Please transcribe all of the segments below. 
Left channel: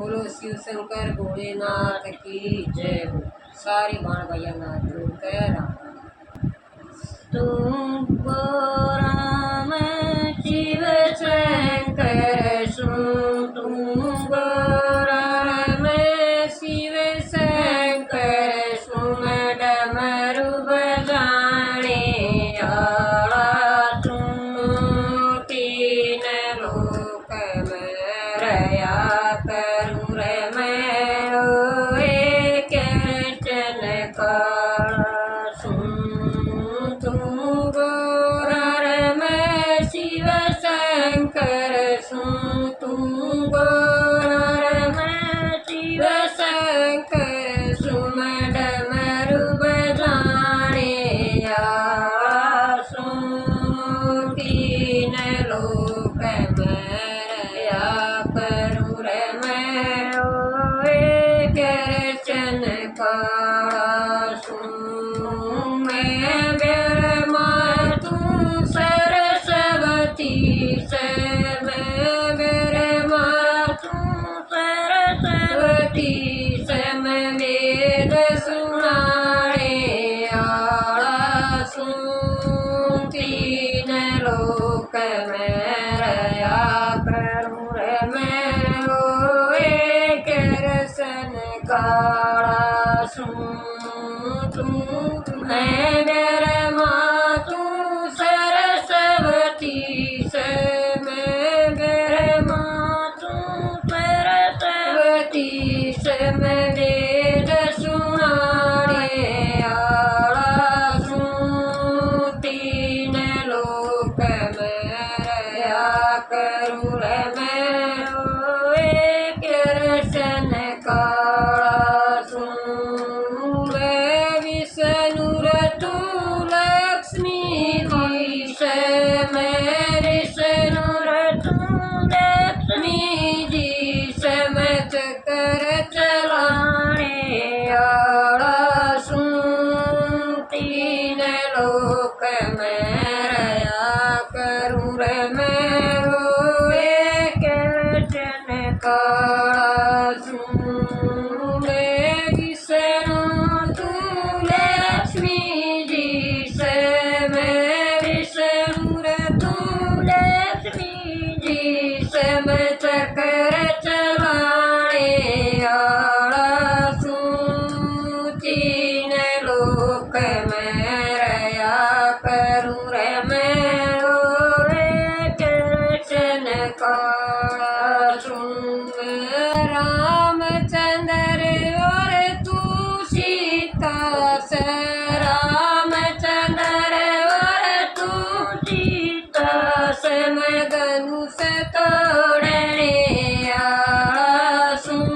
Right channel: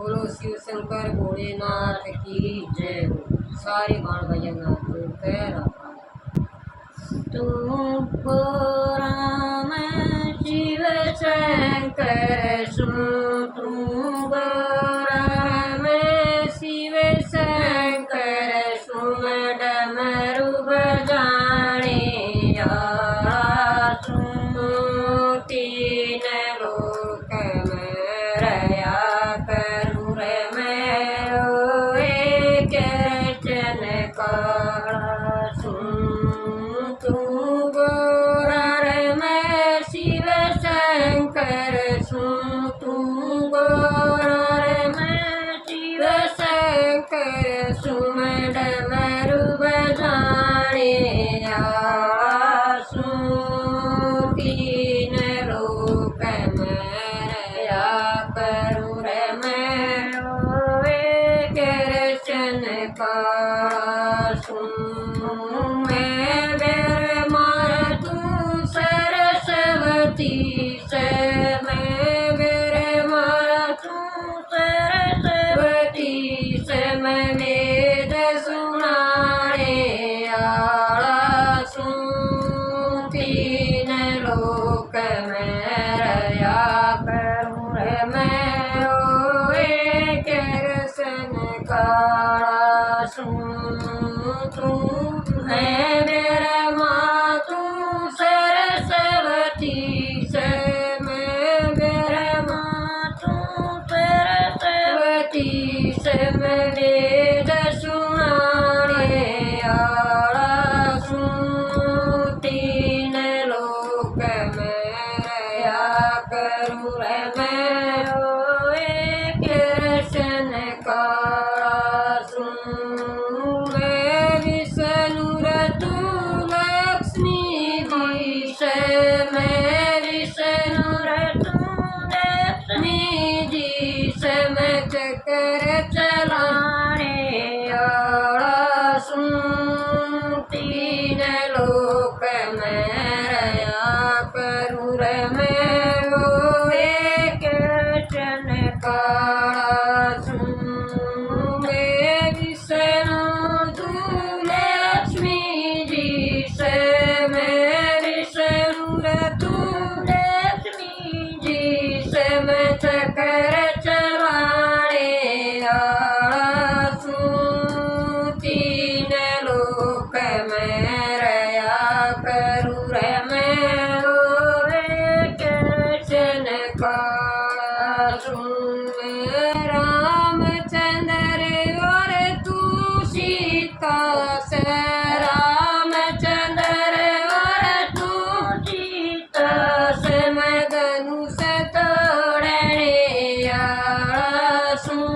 बोलो शिव शंकर भोलेनाथ की जय हो। सारे बाण भैया नाथ कह रहा तू राम शिव शंकर सुन तू राम शिव शंकर सुन डमरू बजाने आला सुन तीन लोक में रया करूँ रे मैं रोए कृष्ण का सुन तू गोरा रे मैं शिव शंकर सुन तू गोरा रे मैं शिव शंकर सुन डमरू बजाने आवा सुन तीन लोक में रया करूँ रे मैं रोए कृष्ण का सुन मैं ब्रह्मा तू सरस्वती से मैं ब्रह्मा तू सरस्वती से मैं वेद सुनाने आला सुन तीन लोक में रया करूँ रे मैं रोए कृष्ण काला सुन तू मैं ब्रह्मा तू सरस्वती से मैं ब्रह्मा तू सरस्वती से मैं वेद सुनाने आला सुन तीन लोक में रया करूँ रे मैं रोए कृष्ण काला सुन मैं विष्णु तू लक्ष्मी जी से मैं विष्णु तू लक्ष्मी जी से मैं चक्र चलाने आला सुन तीन लोक में रया करूँ रे मैं रोए कृष्ण काला सुन मैं विष्णु तू लक्ष्मी जी से मैं विष्णु तू लक्ष्मी जी से मैं चक्र चलाने आला सुन तीन लोक में रया करूँ रे मैं रोए कृष्ण काला सुन रामचंद्र और तू सीता से रामचंद्र और तू सीता से मैं धनुष तोड़ने आला सुन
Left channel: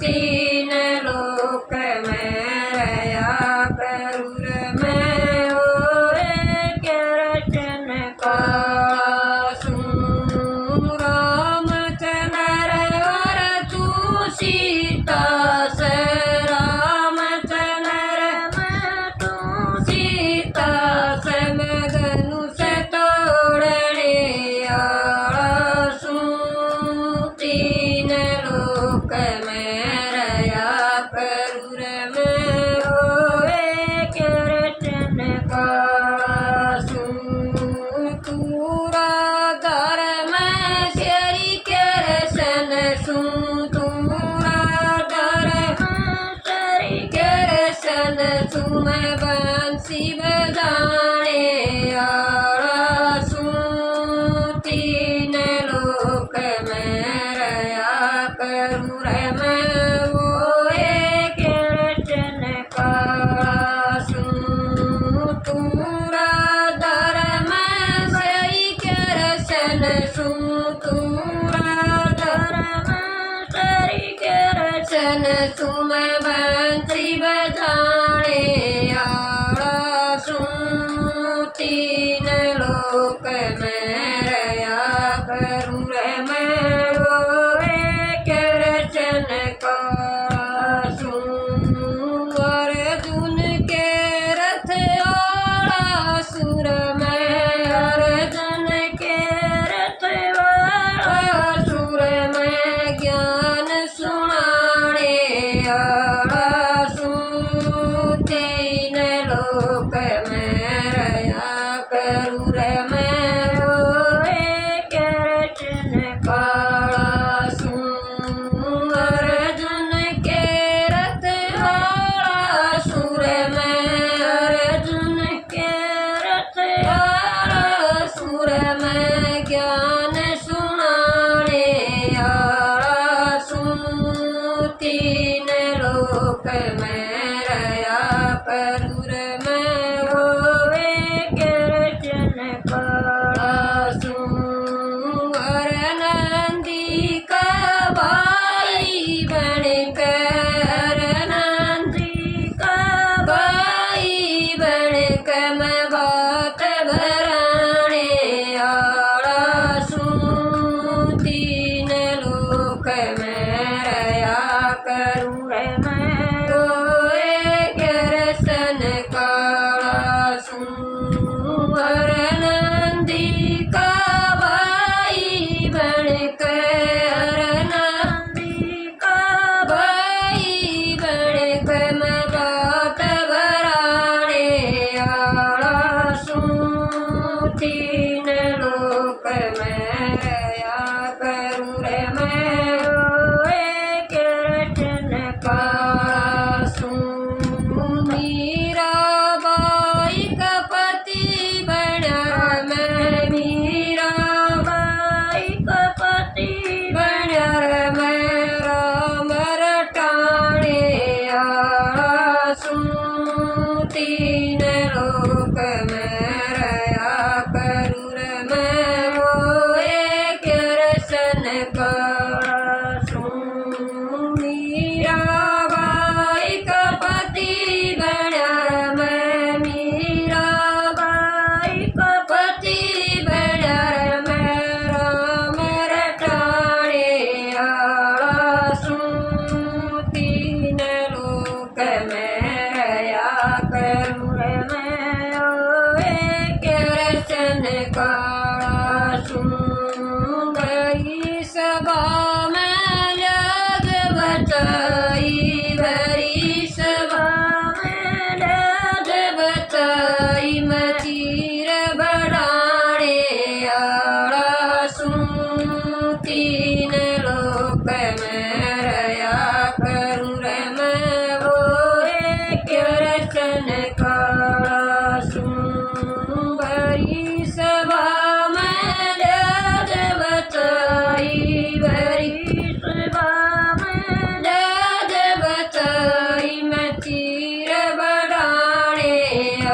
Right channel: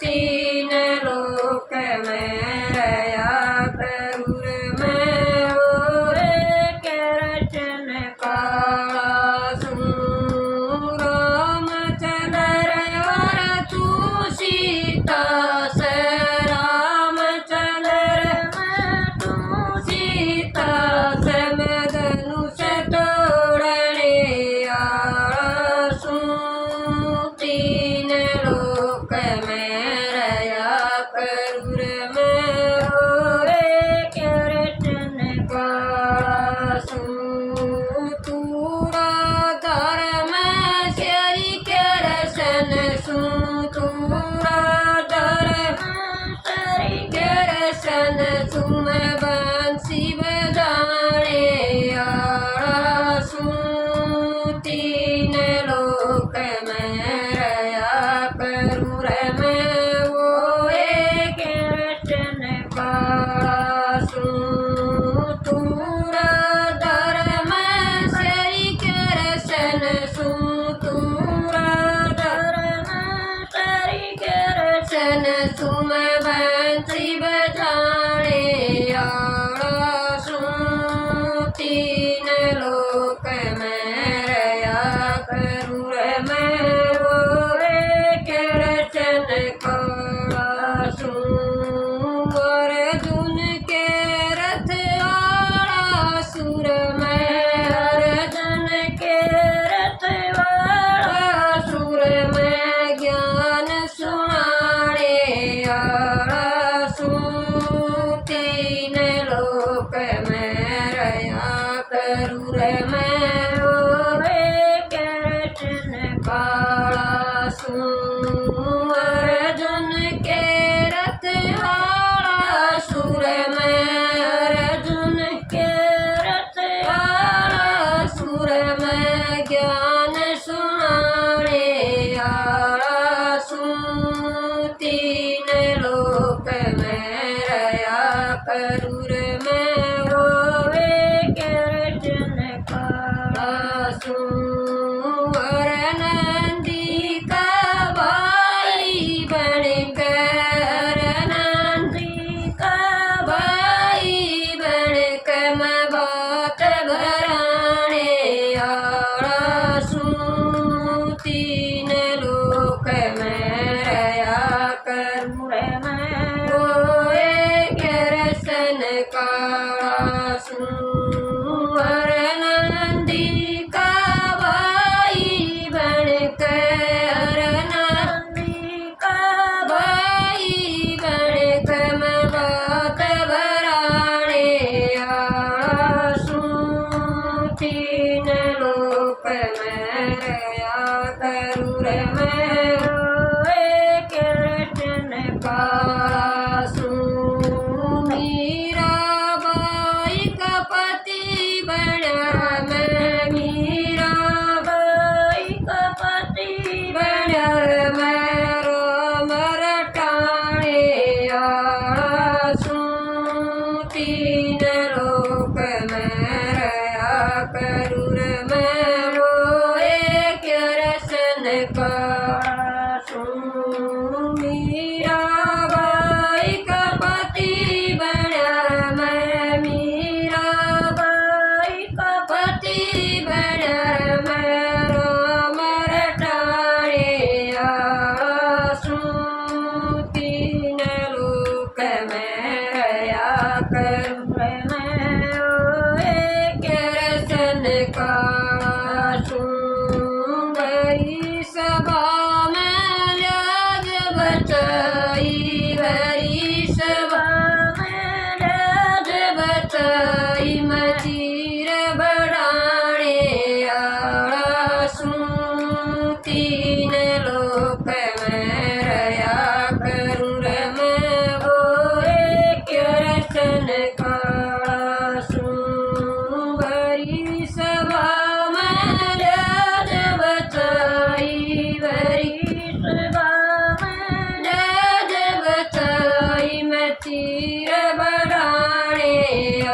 तीन लोक में रया करूँ रे मैं रोए कृष्ण काला सुन रामचंद्र और तू सीता से रामचंद्र मैं तू सीता से मैं धनुष तोड़ने आला सुन तीन लोक में रया करूँ रे मैं रोए कृष्ण काला सुन तूरा धर्म श्री कृष्ण सुन तूरा धर्म श्री कृष्ण सुन बंसी बजाने आला सुन तीन लोक में रया करूँ रे मैं रोए कृष्ण काला सुन तूरा धर्म श्री कृष्ण सुन तूरा धर्म श्री कृष्ण सुन बंसी बजाने आला सुन तीन लोक में रया करूँ रे मैं रोए कृष्ण काला सुन अर्जुन के रथ आला सुर में अर्जुन के रथ वाला सुर में ज्ञान तीन लोक में रया करूँ रे मैं होवे कृष्ण काला सुअर नंदी का भाई बन कर नंदी का भाई बन कर मैं बात भराने आड़ा सूं तीन लोक में रया करूँ रे मैं होए कृष्ण काला सुअर नंदी का भाई बन कर नंदी का भाई बन कर मैं बात भराने आड़ा सूं तीन लोक में रया करूँ रे मैं होए कृष्ण काला सुं मीराबाई का पति बना मैं मीराबाई का पति बना मैं राम रटाने आड़ा सूं तीन लोक में रया करूँ रे मैं होए कृष्ण काला सुं मीराबाई का पति बना मैं मीराबाई का पति बना मैं राम रटाने आड़ा सूं तीन लोक में रया करूँ रे मैं होए कृष्ण काला सुं गई सभा में लाज बचाई भरी सभा में लाज बचाई मजीर बढ़ाने आड़ा सूं तीन लोक में रया करूँ रे मैं होए कृष्ण काला सुं भरी सभा में लाज बचाई भरी सभा में लाज बचाई मचीर बढ़ाने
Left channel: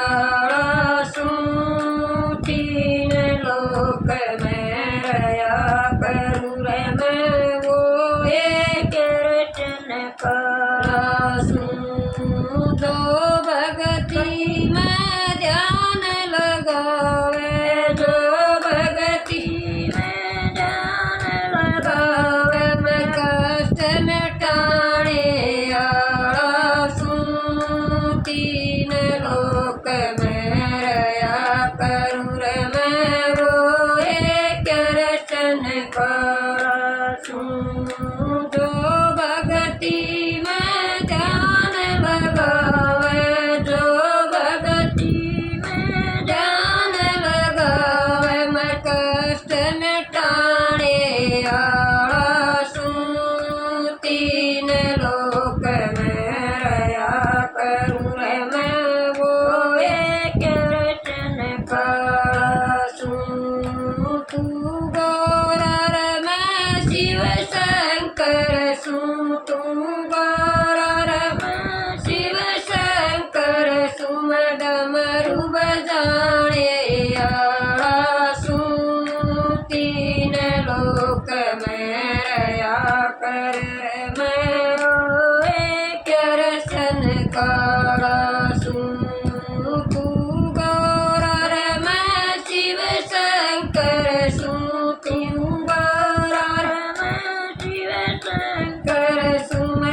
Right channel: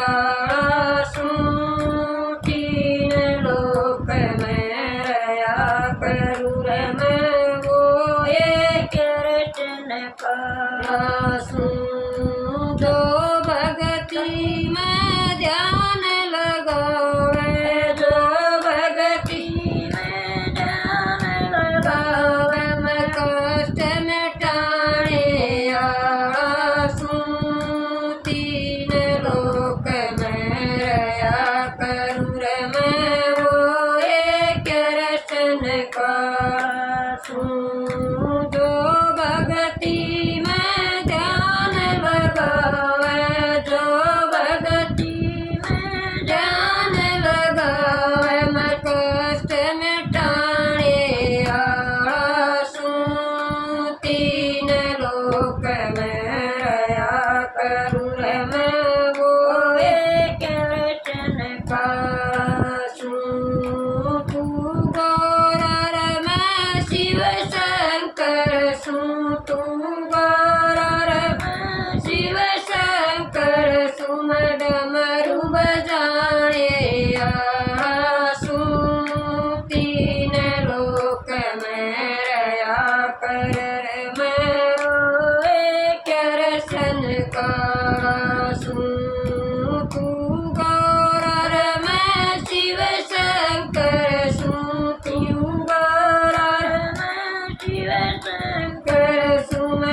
आड़ा सूं तीन लोक में रया करूँ रे मैं होए कृष्ण काला सुं दो भगती में ध्यान लगावे जो भगती में ध्यान लगावे मैं कष्ट मिटाने आड़ा सूं तीन लोक में रया करूँ रे मैं होए कृष्ण काला सुं जो भगती में ध्यान लगावे जो भगती में ध्यान लगावे मैं कष्ट मिटाने आड़ा सूं तीन लोक में रया करूँ रे मैं होए कृष्ण काला सुं तू गौरर मैं शिव शंकर सुं तू गौरर मैं शिव शंकर सुम डमरू बजाने आड़ा सूं तीन लोक में रया कर मैं होए कृष्ण काला सुं तू गौरर मैं शिव शंकर सुं तू गौरर मैं शिव शंकर सुम